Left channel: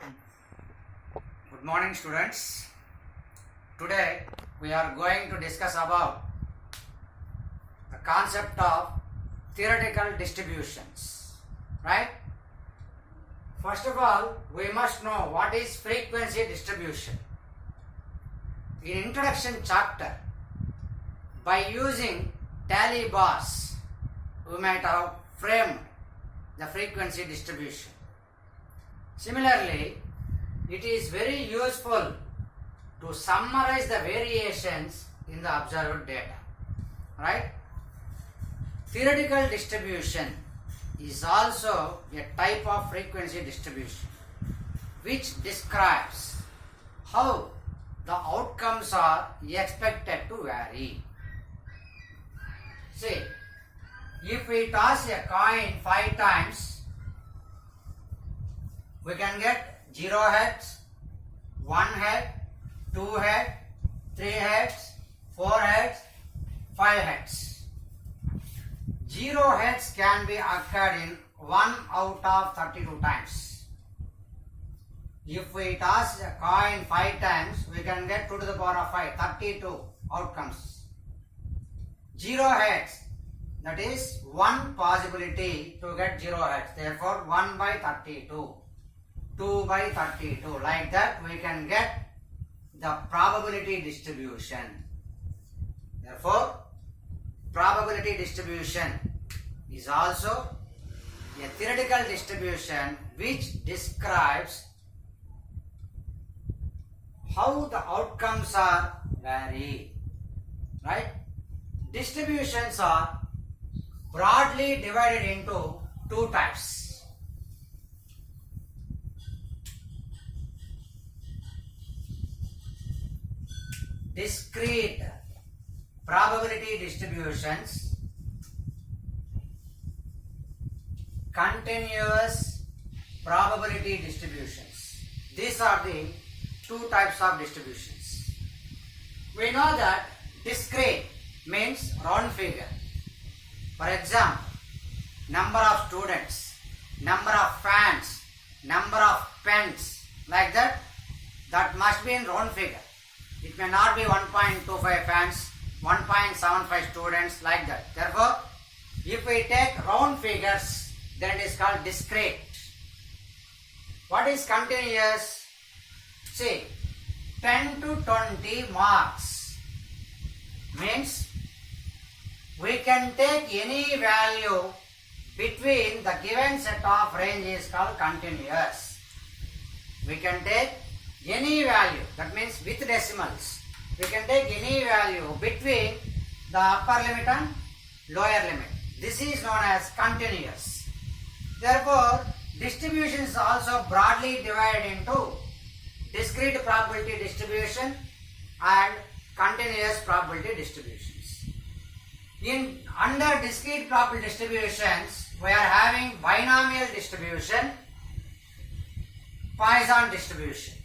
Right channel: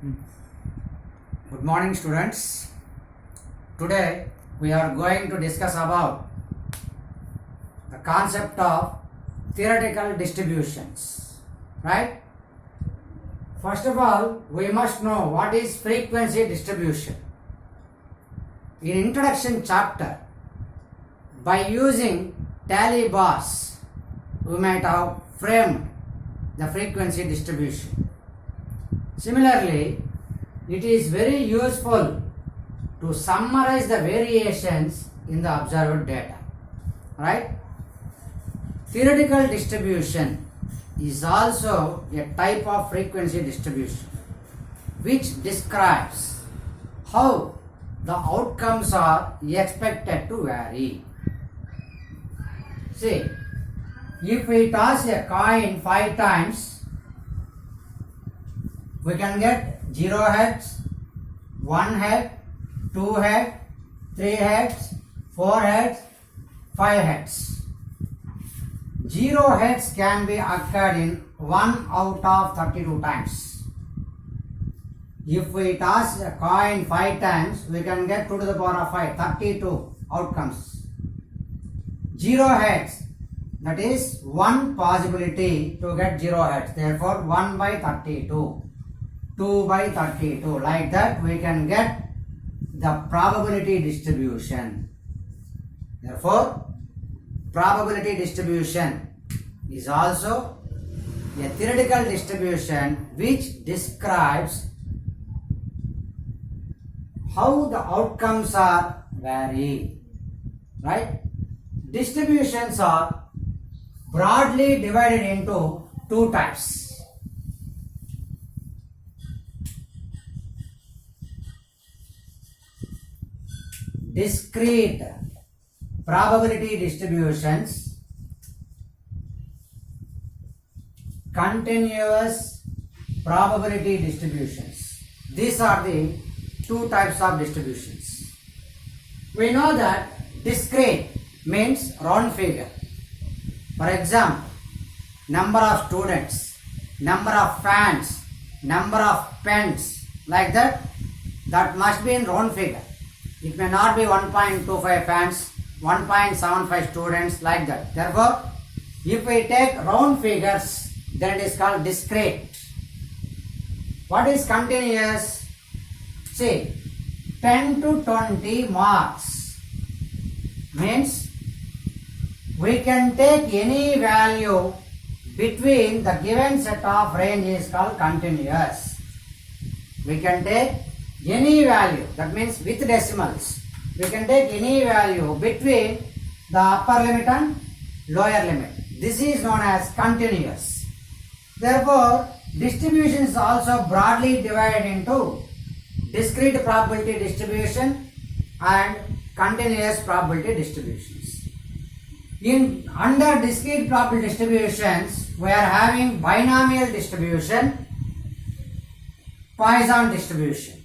Good morning, students. Today we are going to discuss about the concept of theoretical distributions, right? First of all, we must know what is frequency distribution. In introduction chapter, by using tally bars, we might have framed the frequency distribution. Similarly, it is very useful to summarize the variations in the observed data, right? Theoretical distribution is also a type of frequency distribution which describes how the outcomes are expected to vary. See, if we toss a coin 5 times, we can get 0 heads, 1 head, 2 heads, 3 heads, 4 heads, 5 heads. 0 heads can be occurred in 1 out of 32 times. If we toss a coin 5 times, we can get 2 to the power of 5, 32 outcomes. 0 heads, that is 1 possibility to get 0 heads. Therefore, 1 by 32. 2 by 32. Like that, we can get the probability distribution. Therefore, probability distribution is also a theoretical distribution which describes how the outcomes are vary. Right? Distributions are broadly divided into 2 types. Discrete probability distributions, continuous probability distributions. These are the 2 types of distributions. We know that discrete means round figure. For example, number of students, number of fans, number of pens, like that, that must be in round figure. It may not be 1.25 fans, 1.75 students, like that. Therefore, if we take round figures, then it is called discrete. What is continuous? See, 10 to 20 marks means we can take any value between the given set of range is called continuous. We can take any value, that means with decimals. We can take any value between the upper limit and lower limit. This is known as continuous. Therefore, distribution is also broadly divided into discrete probability distribution and continuous probability distributions. Under discrete probability distributions, we are having binomial distribution, Poisson distribution.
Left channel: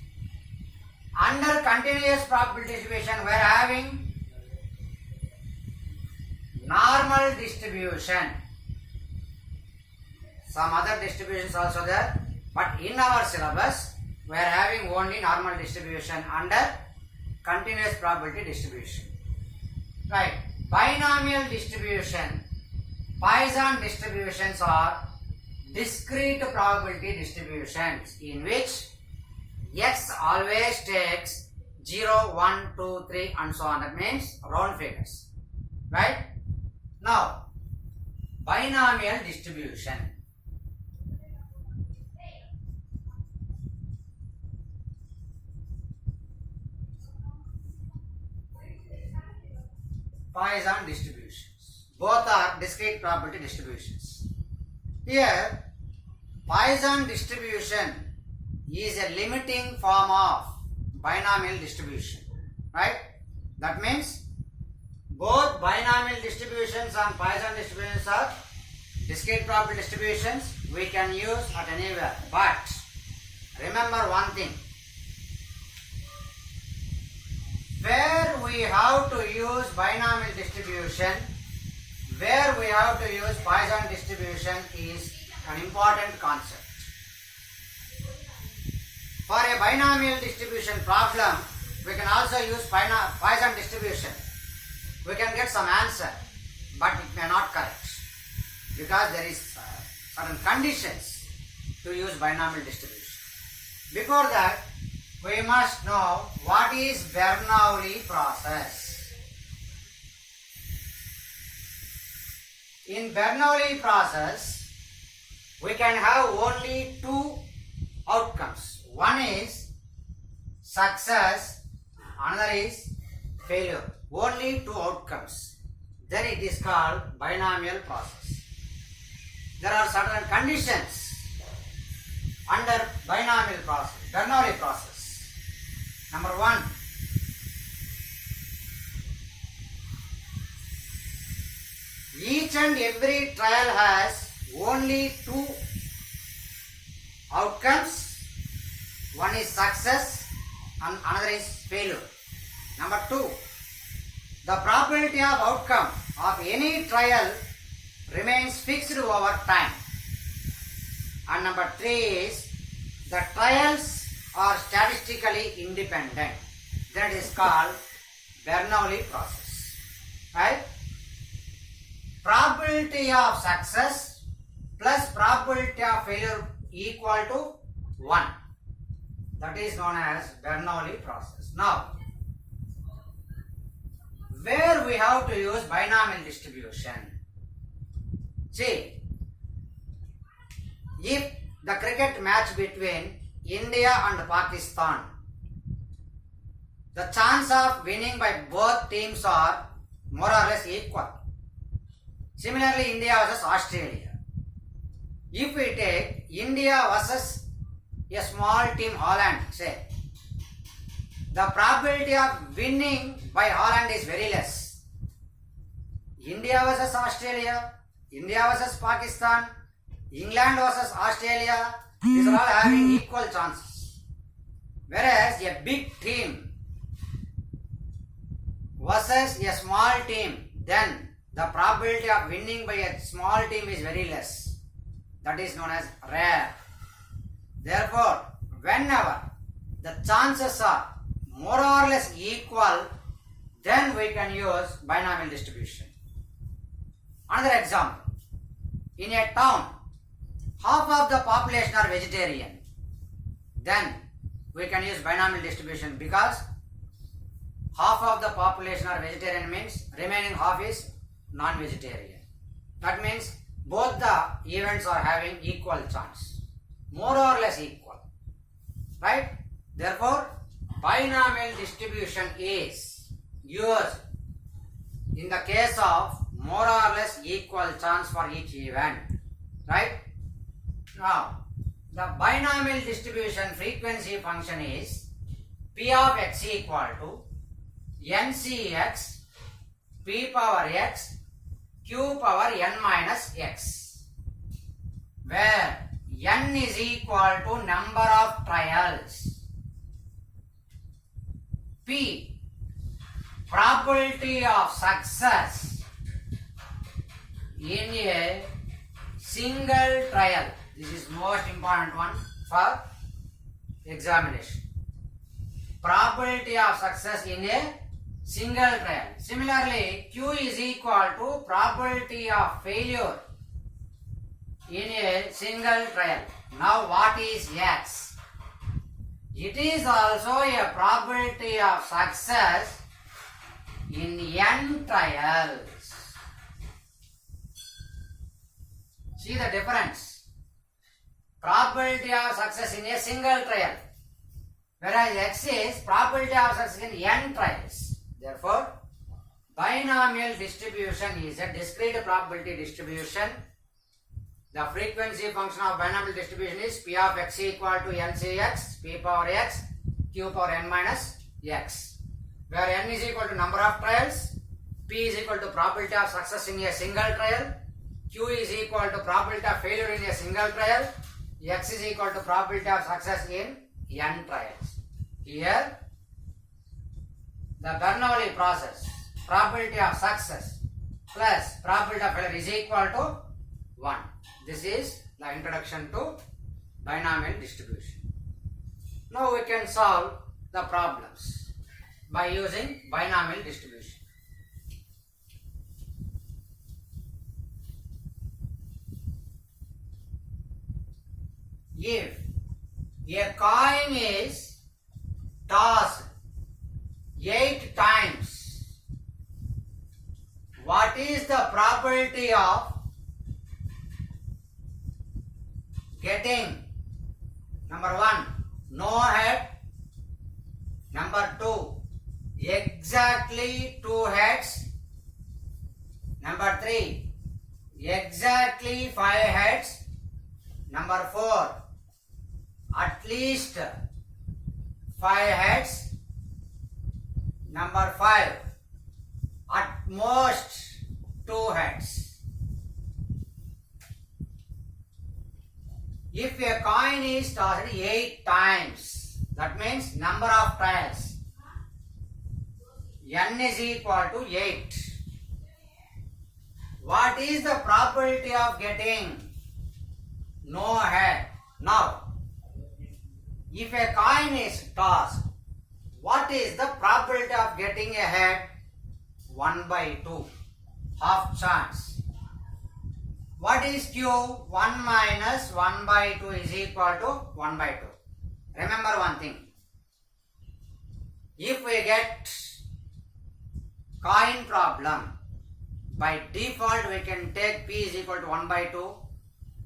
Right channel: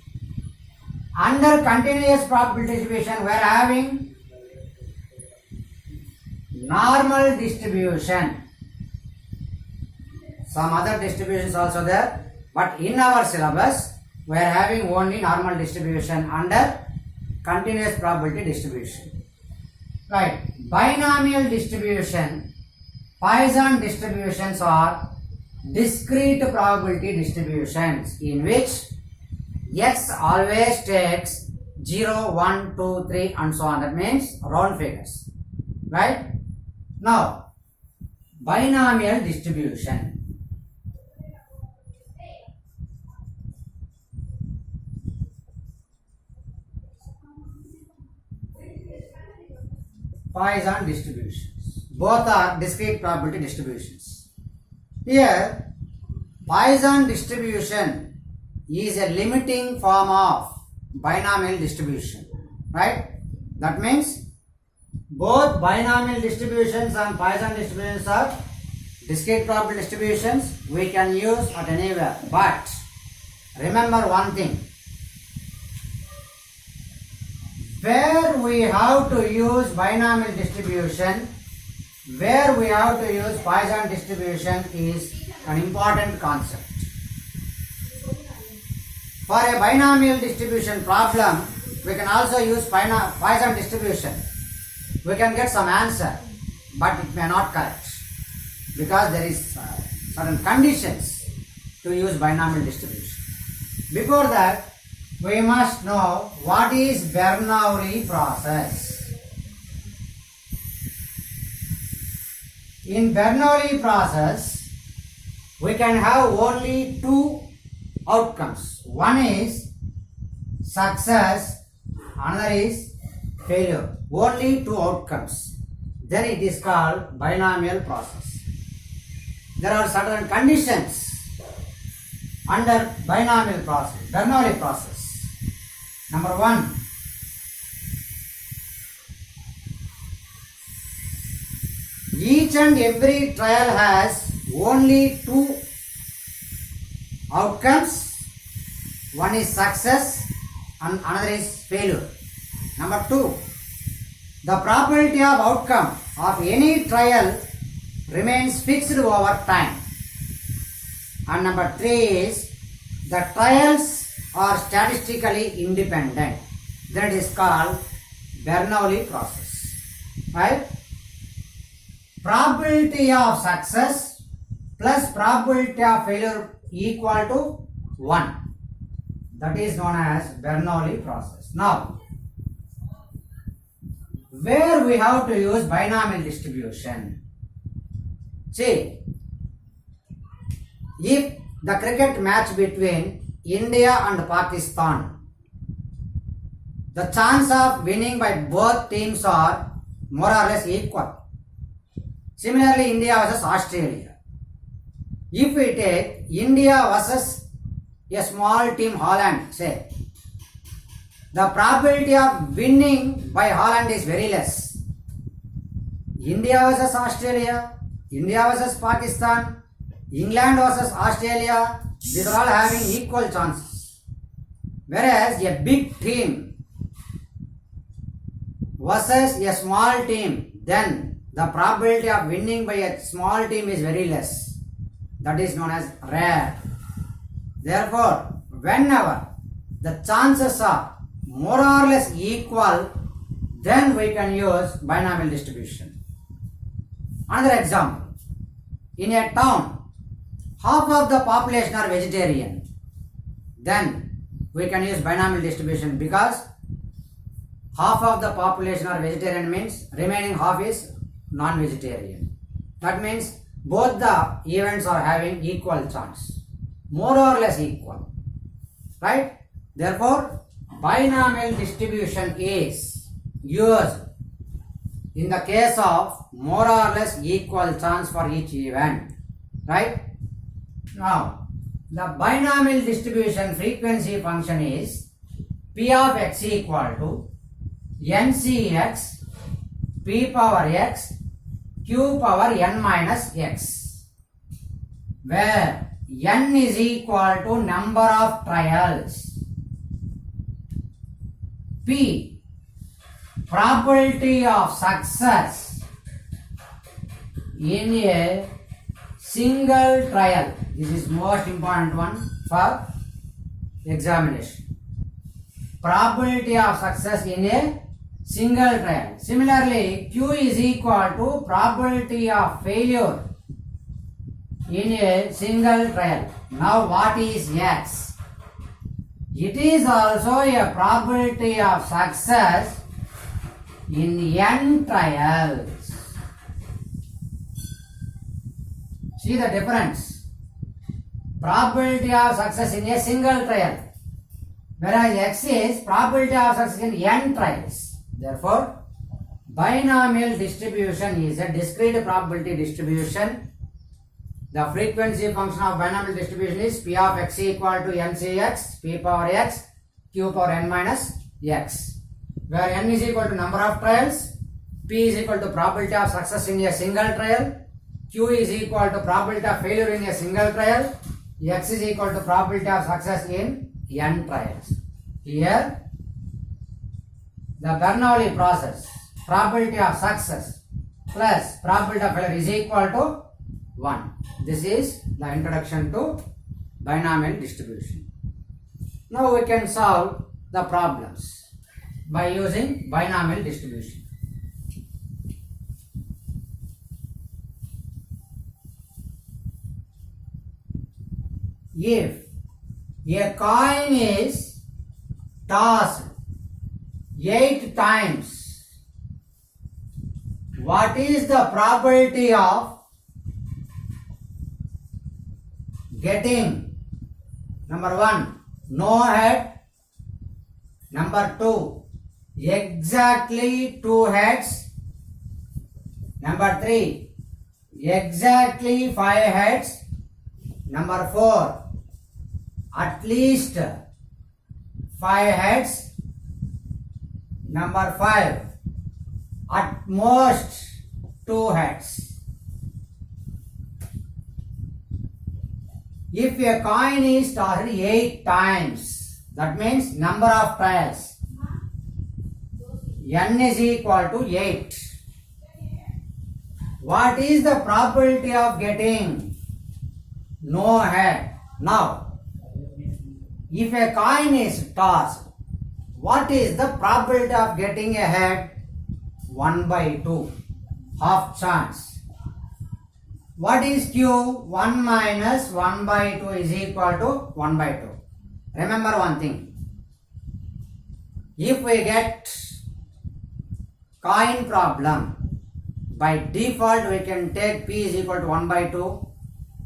Under continuous probability distribution, we are having normal distribution. Some other distributions also there, but in our syllabus, we are having only normal distribution under continuous probability distribution. Right. Binomial distribution, Poisson distributions are discrete probability distributions in which X always takes 0, 1, 2, 3 and so on. That means round figures. Right? Now, binomial distribution. Poisson distributions. Both are discrete probability distributions. Here, Poisson distribution is a limiting form of binomial distribution, right? That means both binomial distributions and Poisson distributions are discrete probability distributions we can use at anywhere. But remember one thing, where we have to use binomial distribution, where we have to use Poisson distribution is an important concept. For a binomial distribution problem, we can also use Poisson distribution. We can get some answer, but it may not correct because there is certain conditions to use binomial distribution. Before that, we must know what is Bernoulli process. In Bernoulli process, we can have only two outcomes. One is success, another is failure. Only two outcomes. Then it is called binomial process. There are certain conditions under binomial process, Bernoulli process. Number one, each and every trial has only two outcomes. One is success and another is failure. Number two, the probability of outcome of any trial remains fixed over time. And number three is the trials are statistically independent. That is called Bernoulli process. Right? Probability of success plus probability of failure equal to 1. That is known as Bernoulli process. Now, where we have to use binomial distribution? See, if the cricket match between India and Pakistan, the chance of winning by both teams are more or less equal. Similarly, India versus Australia. If we take India versus a small team Holland, say, the probability of winning by Holland is very less. India versus Australia, India versus Pakistan, England versus Australia, these are all having equal chances. Whereas a big team versus a small team, then the probability of winning by a small team is very less. That is known as rare. Therefore, whenever the chances are more or less equal, then we can use binomial distribution. Another example, in a town, half of the population are vegetarian, then we can use binomial distribution because half of the population are vegetarian means remaining half is non-vegetarian. That means both the events are having equal chance, more or less equal, right? Therefore, binomial distribution is used in the case of more or less equal chance for each event, right? Now, the binomial distribution frequency function is P of x equal to NCx P power x Q power n minus x, where n is equal to number of trials, P probability of success in a single trial. This is most important one for examination. Probability of success in a single trial. Similarly, Q is equal to probability of failure in a single trial. Now what is X? It is also a probability of success in n trials. See the difference. Probability of success in a single trial, whereas X is probability of success in n trials. Therefore, binomial distribution is a discrete probability distribution. The frequency function of binomial distribution is P of x equal to NCx P power x Q power n minus x, where n is equal to number of trials, P is equal to probability of success in a single trial, Q is equal to probability of failure in a single trial, x is equal to probability of success in n trials. Here, the Bernoulli process, probability of success plus probability of failure is equal to 1. This is the introduction to binomial distribution. Now we can solve the problems by using binomial distribution. If a coin is tossed 8 times, what is the probability of getting number 1 no head, number 2 exactly 2 heads, number 3 exactly 5 heads, number 4 at least 5 heads, number 5 at most 2 heads. If a coin is tossed 8 times, that means number of trials, n is equal to 8. What is the probability of getting no head? Now, if a coin is tossed, what is the probability of getting a head? 1 by 2, half chance. What is Q? 1 minus 1 by 2 is equal to 1 by 2. Remember one thing. If we get coin problem, by default we can take P is equal to 1 by 2,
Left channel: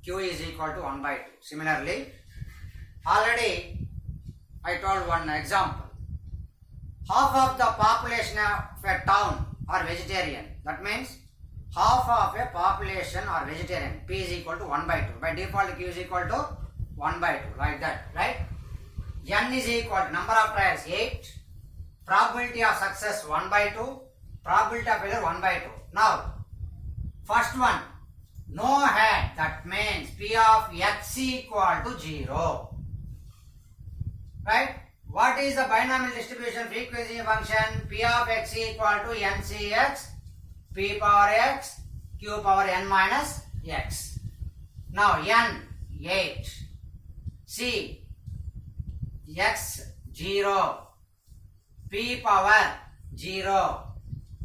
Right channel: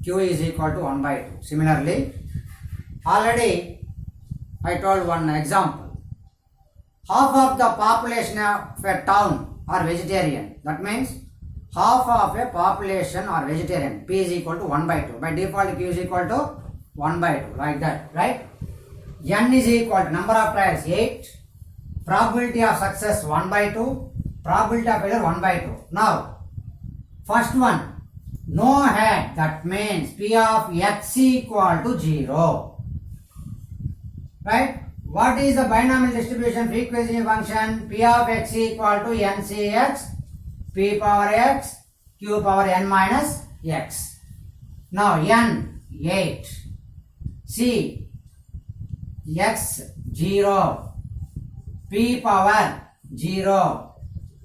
Q is equal to 1 by 2. Similarly, already I told one example. Half of the population of a town are vegetarian. That means half of a population are vegetarian. P is equal to 1 by 2. By default Q is equal to 1 by 2. Like that, right? N is equal to number of trials 8. Probability of success 1 by 2. Probability of failure 1 by 2. Now, first one, no head. That means P of X equal to 0. Right? What is the binomial distribution frequency function? P of X equal to NCX, P power X, Q power N minus X. Now N 8, C X 0, P power 0,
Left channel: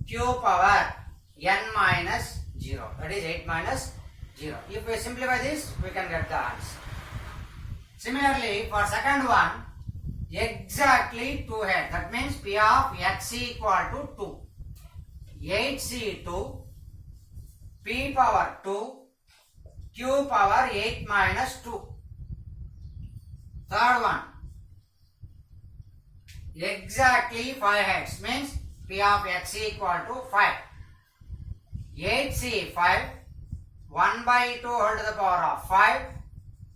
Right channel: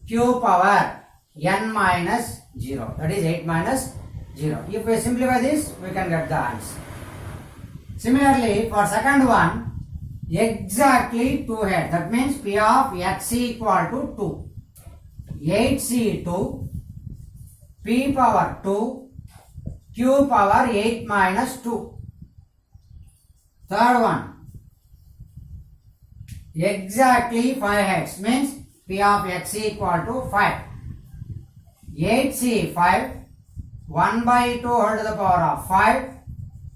Q power N minus 0. That is 8 minus 0. If we simplify this, we can get the answer. Similarly, for second one, exactly 2 heads. That means P of X equal to 2. 8C2, P power 2, Q power 8 minus 2. Third one, exactly 5 heads means P of X equal to 5. 8C5, 1 by 2 whole to the power of 5,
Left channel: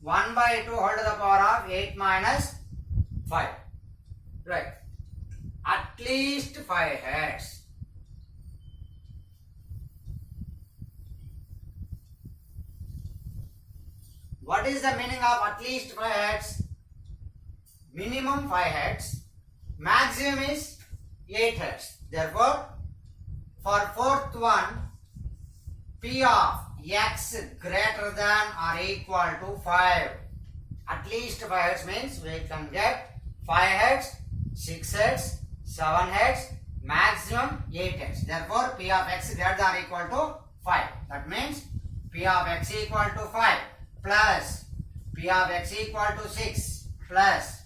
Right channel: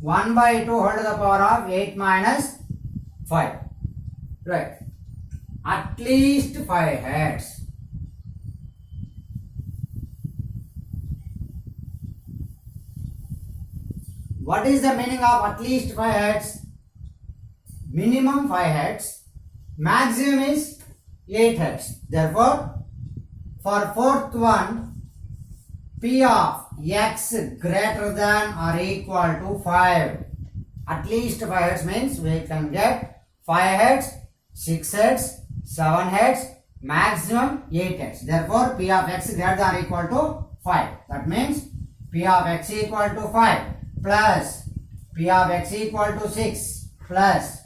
1 by 2 whole to the power of 8 minus 5. Right. At least 5 heads. What is the meaning of at least 5 heads? Minimum 5 heads. Maximum is 8 heads. Therefore, for fourth one, P of X greater than or equal to 5. At least 5 heads means we can get 5 heads, 6 heads, 7 heads, maximum 8 heads. Therefore, P of X greater than or equal to 5. That means P of X equal to 5 plus P of X equal to 6 plus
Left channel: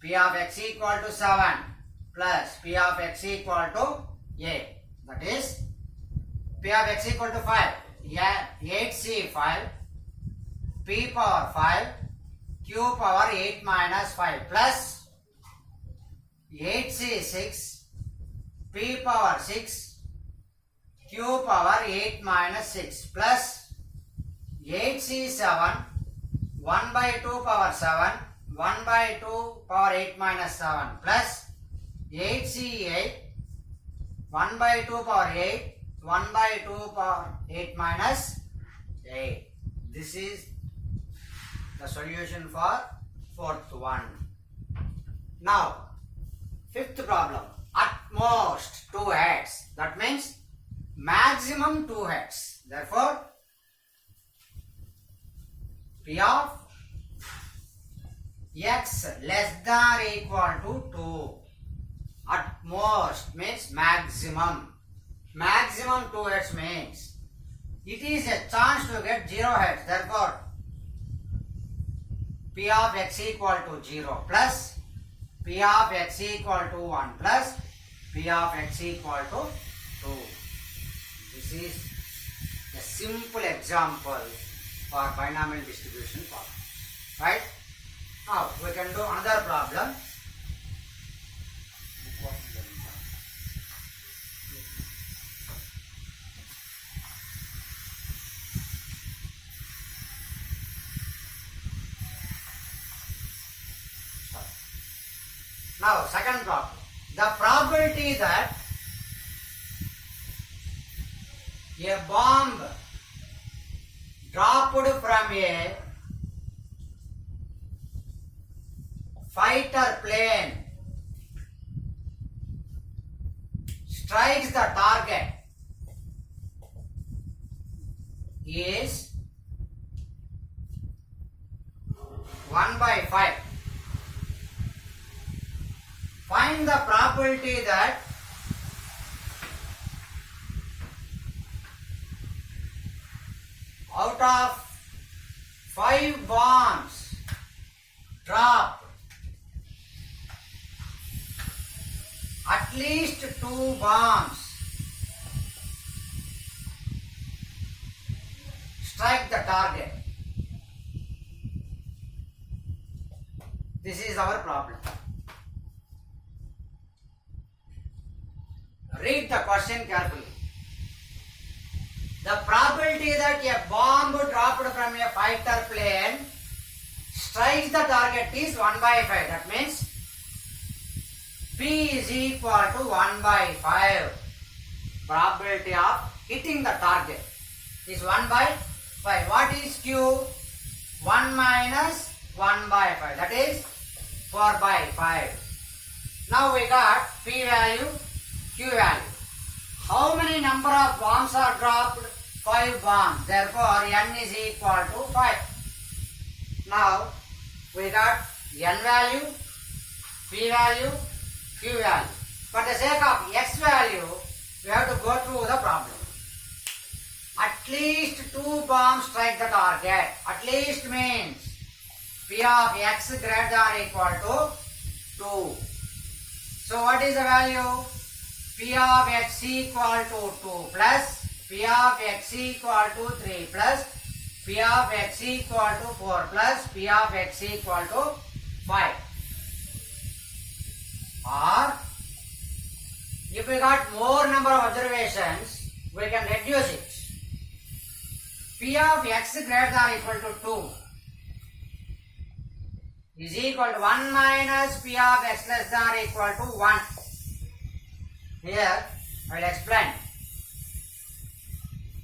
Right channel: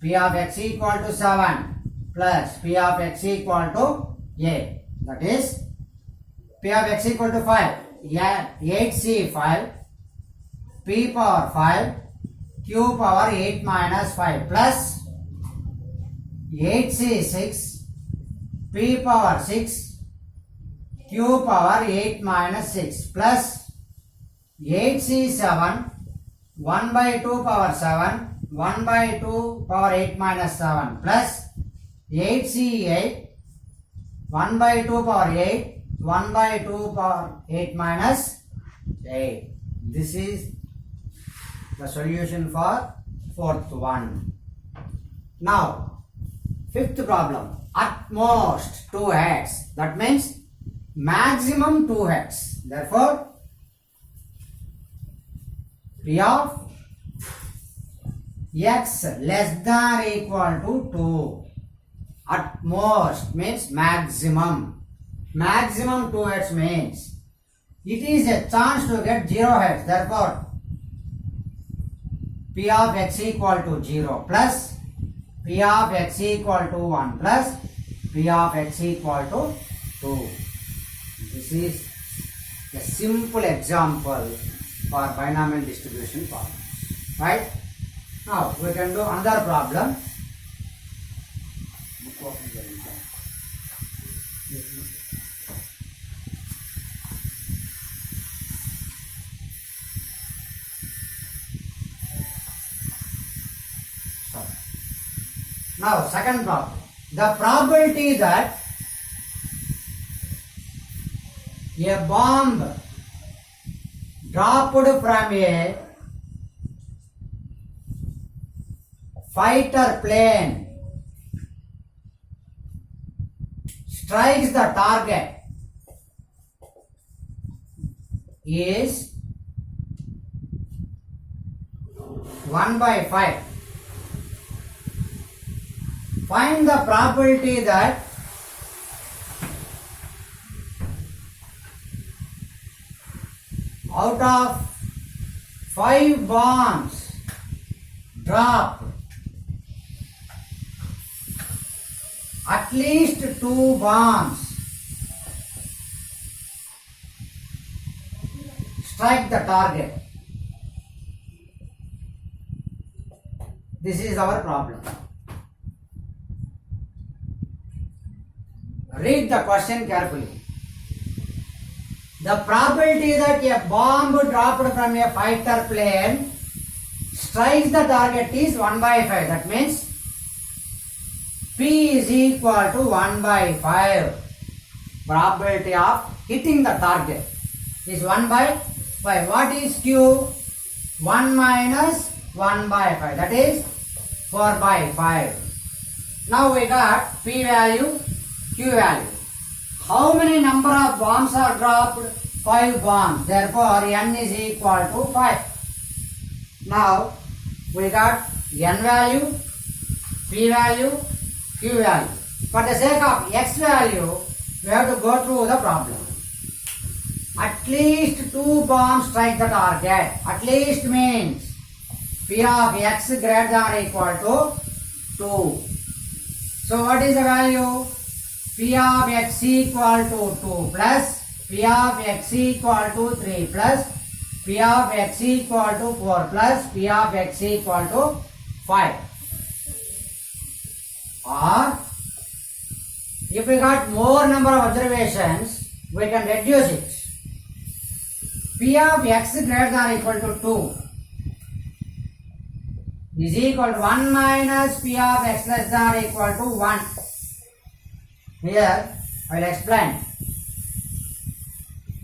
P of X equal to 7 plus P of X equal to 8. That is P of X equal to 5. Yeah, 8C5, P power 5, Q power 8 minus 5 plus 8C6, P power 6, Q power 8 minus 6 plus 8C7, 1 by 2 power 7, 1 by 2 power 8 minus 7 plus 8C8, 1 by 2 power 8, 1 by 2 power 8 minus 8. This is the solution for fourth one. Now, fifth problem. At most 2 heads. That means maximum 2 heads. Therefore, P of x less than or equal to 2. At most means maximum. Maximum 2 heads means it is a chance to get 0 heads. Therefore, P of x equal to 0 plus P of x equal to 1 plus P of x equal to 2. This is a simple example for binomial distribution problem. Right? Now we can do another problem. Now second problem. The probability that a bomb dropped from a fighter plane strikes the target is 1/5. Find the probability that out of 5 bombs dropped, at least 2 bombs strike the target. This is our problem. Read the question carefully. The probability that a bomb dropped from a fighter plane strikes the target is 1/5. That means P is equal to 1/5. Probability of hitting the target is 1/5. What is Q? 1 minus 1/5. That is 4/5. Now we got P value, Q value. How many number of bombs are dropped? 5 bombs. Therefore, N is equal to 5. Now, we got N value, P value, Q value. For the sake of X value, we have to go through the problem. At least 2 bombs strike the target. At least means P of X greater than or equal to 2. So, what is the value? P of x equal to 2 plus P of x equal to 3 plus P of x equal to 4 plus P of x equal to 5. Or if we got more number of observations, we can reduce it. P of x greater than or equal to 2 is equal to 1 minus P of x less than or equal to 1. Here I will explain.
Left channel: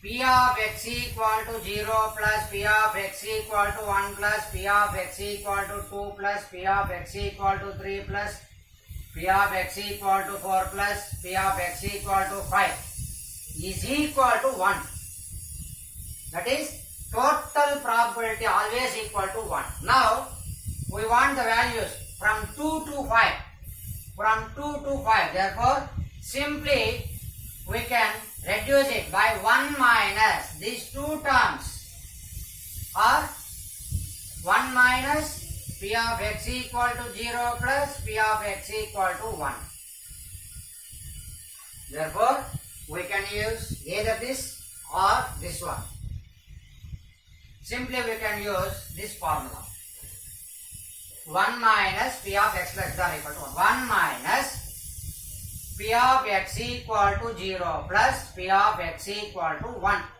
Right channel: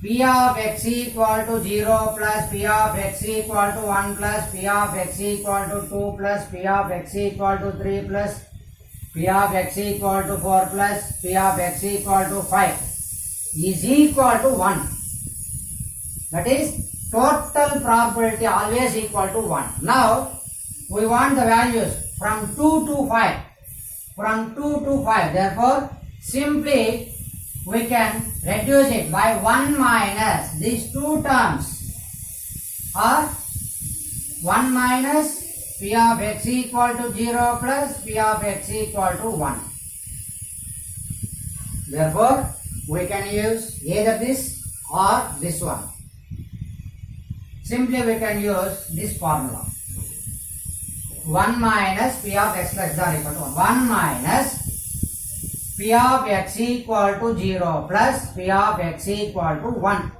P of x equal to 0 plus P of x equal to 1 plus P of x equal to 2 plus P of x equal to 3 plus P of x equal to 4 plus P of x equal to 5 is equal to 1. That is total probability always equal to 1. Now we want the values from 2 to 5. From 2 to 5. Therefore, simply we can reduce it by 1 minus these 2 terms or 1 minus P of x equal to 0 plus P of x equal to 1. Therefore, we can use either this or this one. Simply we can use this formula. 1 minus P of x less than or equal to 1. 1 minus P of x equal to 0 plus P of x equal to 1.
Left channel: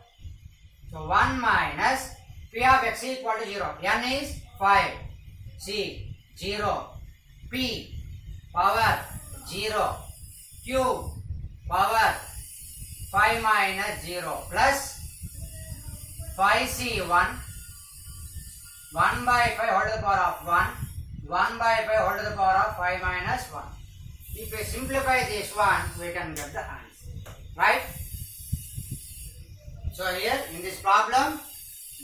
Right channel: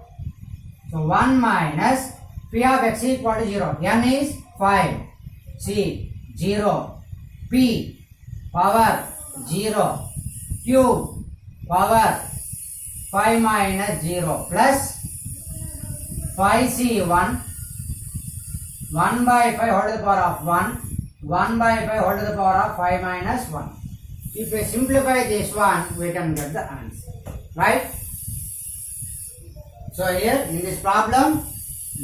So 1 minus P of x equal to 0. N is 5. C 0. P power 0. Q power 5 minus 0 plus 5C1 1 by 5 whole to the power of 1. 1 by 5 whole to the power of 5 minus 1. If we simplify this one, we can get the answer. Right? So here in this problem,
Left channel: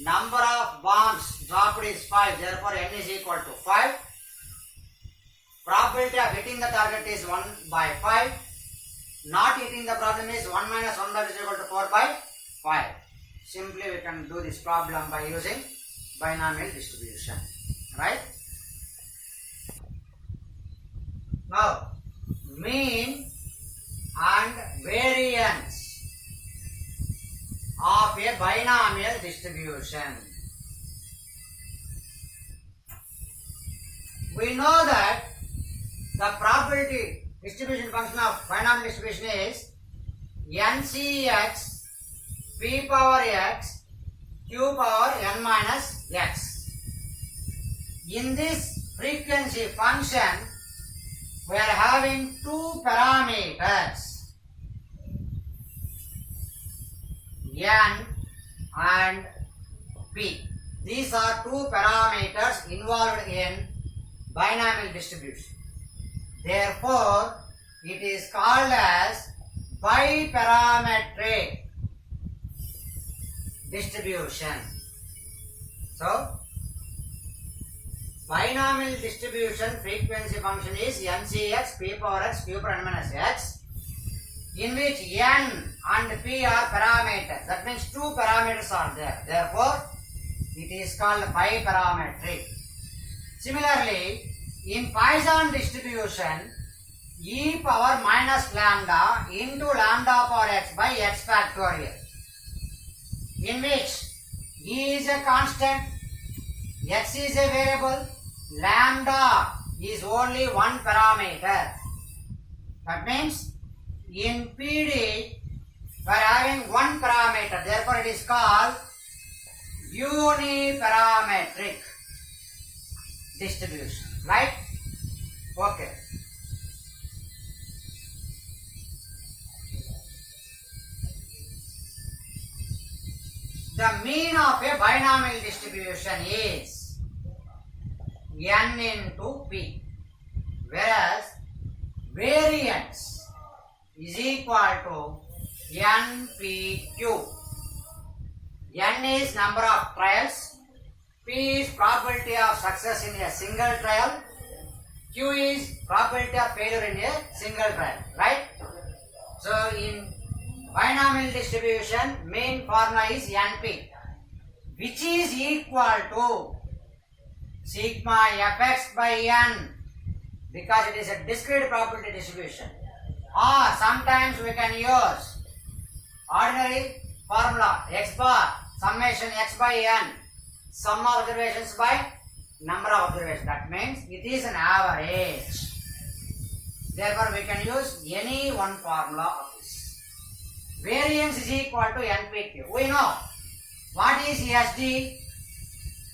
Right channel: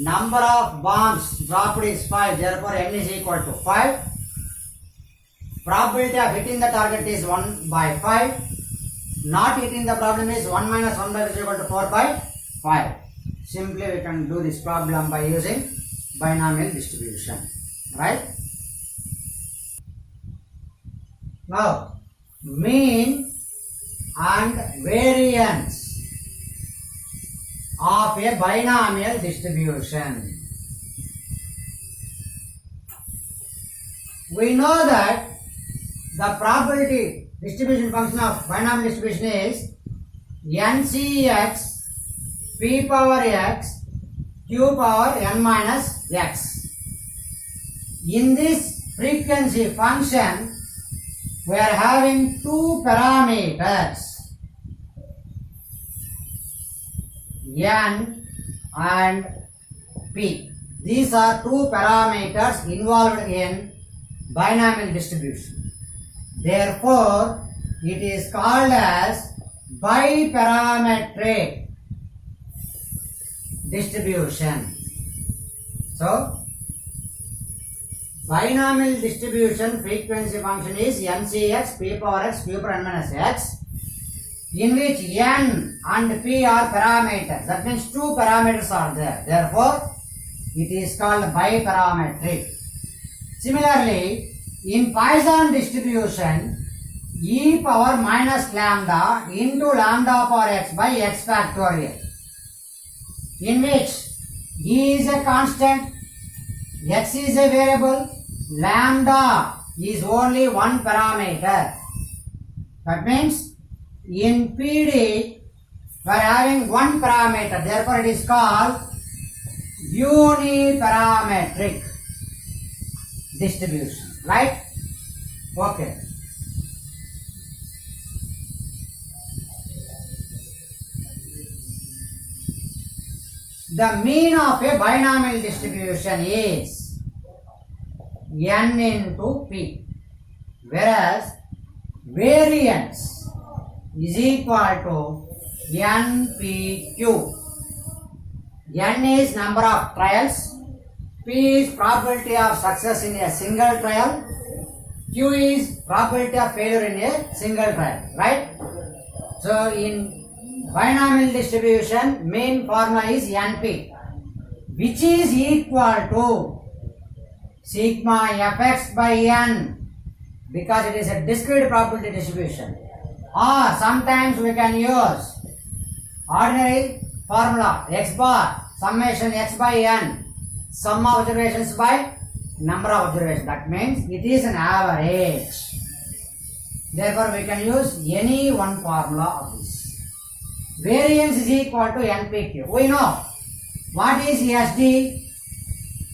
number of bombs dropped is 5. Therefore, N is equal to 5. Probability of hitting the target is 1 by 5. Not hitting the problem is 1 minus 1 by which is equal to 4 by 5. Simply we can do this problem by using binomial distribution. Right? Now, mean and variance of a binomial distribution. We know that the probability distribution function of binomial distribution is NCX P power x Q power n minus x. In this frequency function, we are having two parameters, n and p. These are two parameters involved in binomial distribution. Therefore, it is called as biparametric distribution. So, binomial distribution frequency function is NCX P power x Q power n minus x, in which n and p are parameters. That means two parameters are there. Therefore, it is called biparametric. Similarly, in Poisson distribution, e power minus lambda into lambda power x by x factorial, in which e is a constant, x is a variable, lambda is only one parameter. That means in PD we are having one parameter, therefore it is called uniparametric distribution. Right? Okay. The mean of a binomial distribution is n into p, whereas variance is equal to npq. N is number of trials, P is probability of success in a single trial, Q is probability of failure in a single trial. Right? So, in binomial distribution, main formula is NP, which is equal to sigma fx by n, because it is a discrete probability distribution. Or sometimes we can use ordinary formula x bar summation x by n, sum of observations by number of observations. That means it is an average. Therefore, we can use any one formula of this. Variance is equal to NPQ. We know what is SD?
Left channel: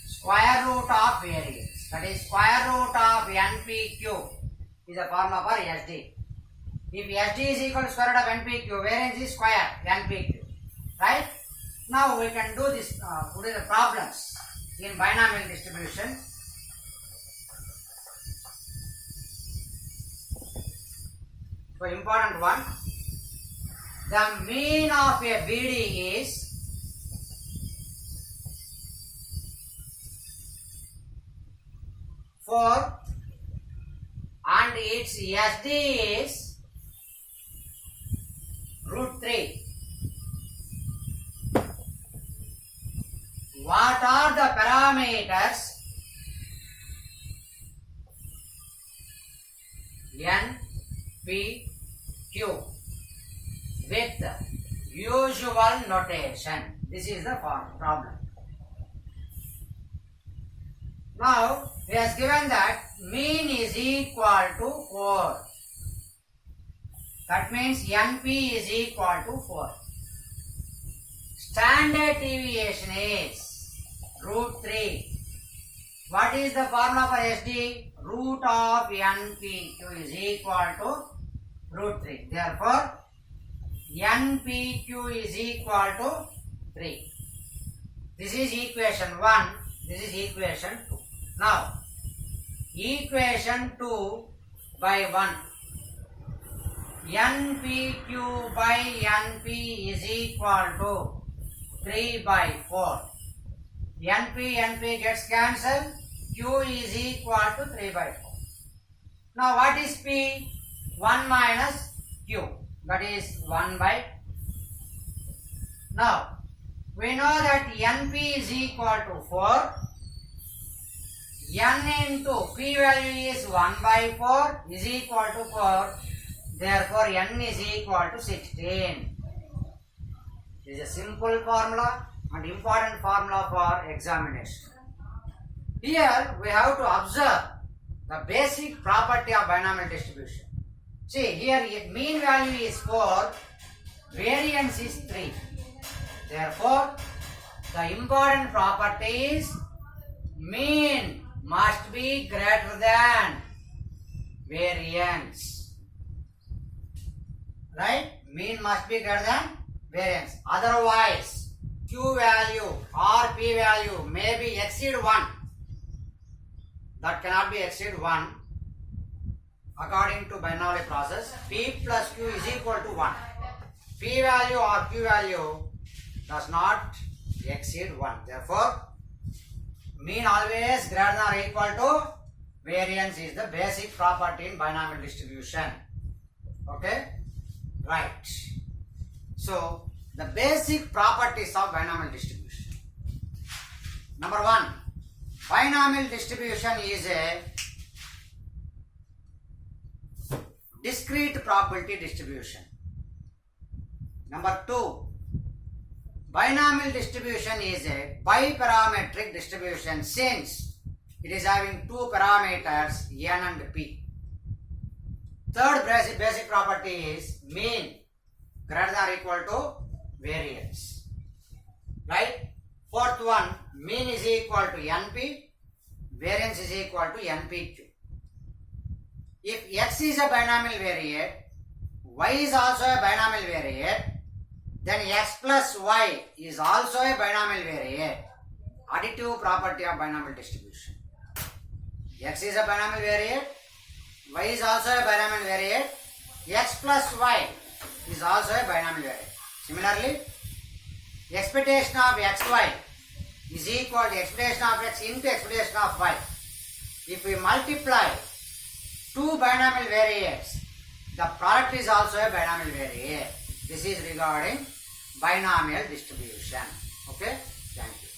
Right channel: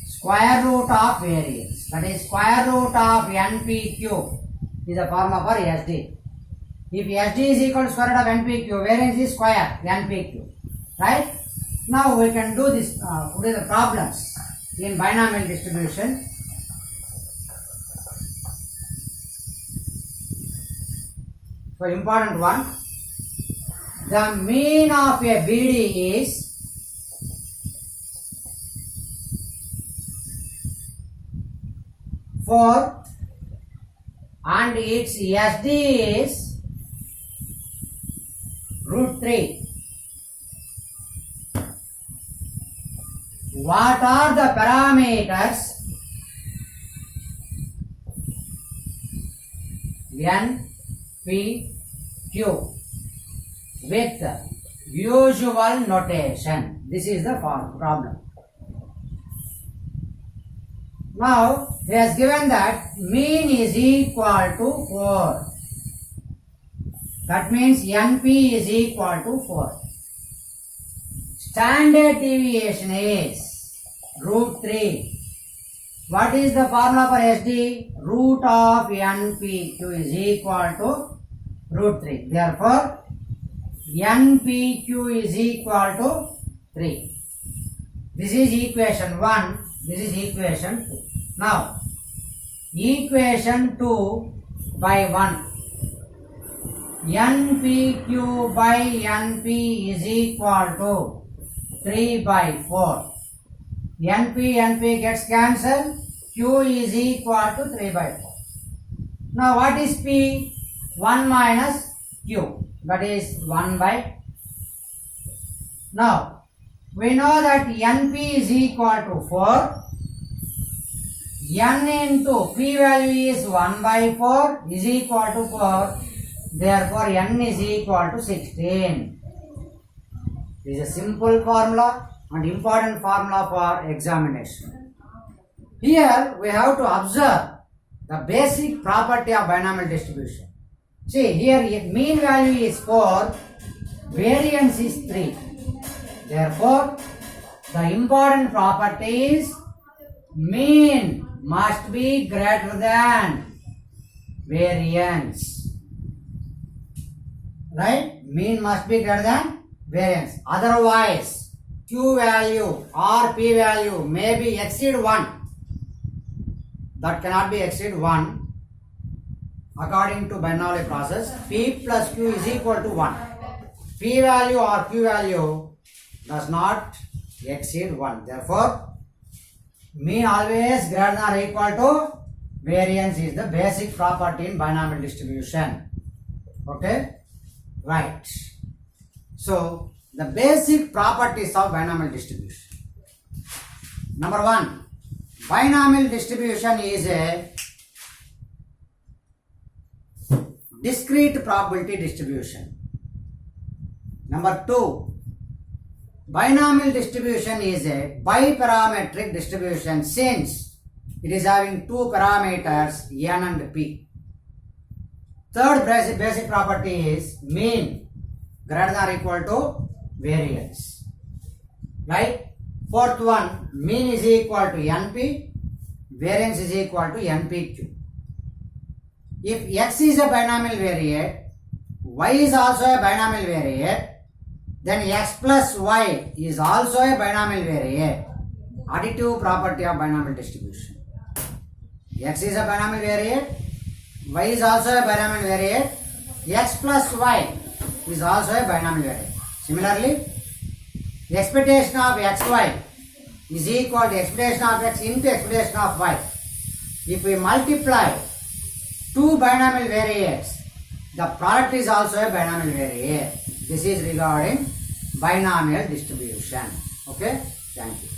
Square root of variance. That is square root of NPQ is a formula for SD. If SD is equal to square root of NPQ, variance is square NPQ. Right? Now we can do this, do the problems in binomial distribution. So important one. The mean of a BD is four and its SD is root 3. What are the parameters? N, P, Q with usual notation. This is the problem. Now, he has given that mean is equal to 4. That means NP is equal to 4. Standard deviation is root 3. What is the formula for SD? Root of NPQ is equal to root 3. Therefore, NPQ is equal to 3. This is equation 1. This is equation 2. Now, equation 2 by 1. NPQ by NP is equal to 3 by 4. NP gets cancelled. Q is equal to 3 by 4. Now what is P? 1 minus Q, that is 1 by. Now we know that NP is equal to 4. N into P value is 1 by 4 is equal to 4. Therefore N is equal to 16. This is a simple formula and important formula for examination. Here we have to observe the basic property of binomial distribution. See, here mean value is 4, variance is 3. Therefore, the important property is mean must be greater than variance. Right? Mean must be greater than variance. Otherwise, Q value or P value may be exceed 1. That cannot be exceed 1. According to Bernoulli process, P plus Q is equal to 1. P value or Q value does not exceed 1. Therefore, mean always greater than or equal to variance is the basic property in binomial distribution. Okay? Right. So, the basic properties of binomial distribution. Number 1. Binomial distribution is a discrete probability distribution. Number 2. Binomial distribution is a biparametric distribution since it is having two parameters n and p. Third basic property is mean greater than or equal to variance. Right? Fourth one, mean is equal to NP, variance is equal to NPQ. If X is a binomial variate, Y is also a binomial variate, then X plus Y is also a binomial variate. Additive property of binomial distribution. X is a binomial variate, Y is also a binomial variate, X plus Y is also a binomial variate. Similarly, expectation of xy is equal to expectation of x into expectation of y. If we multiply two binomial variates, the product is also a binomial variate. This is regarding binomial distribution. Okay, thank you.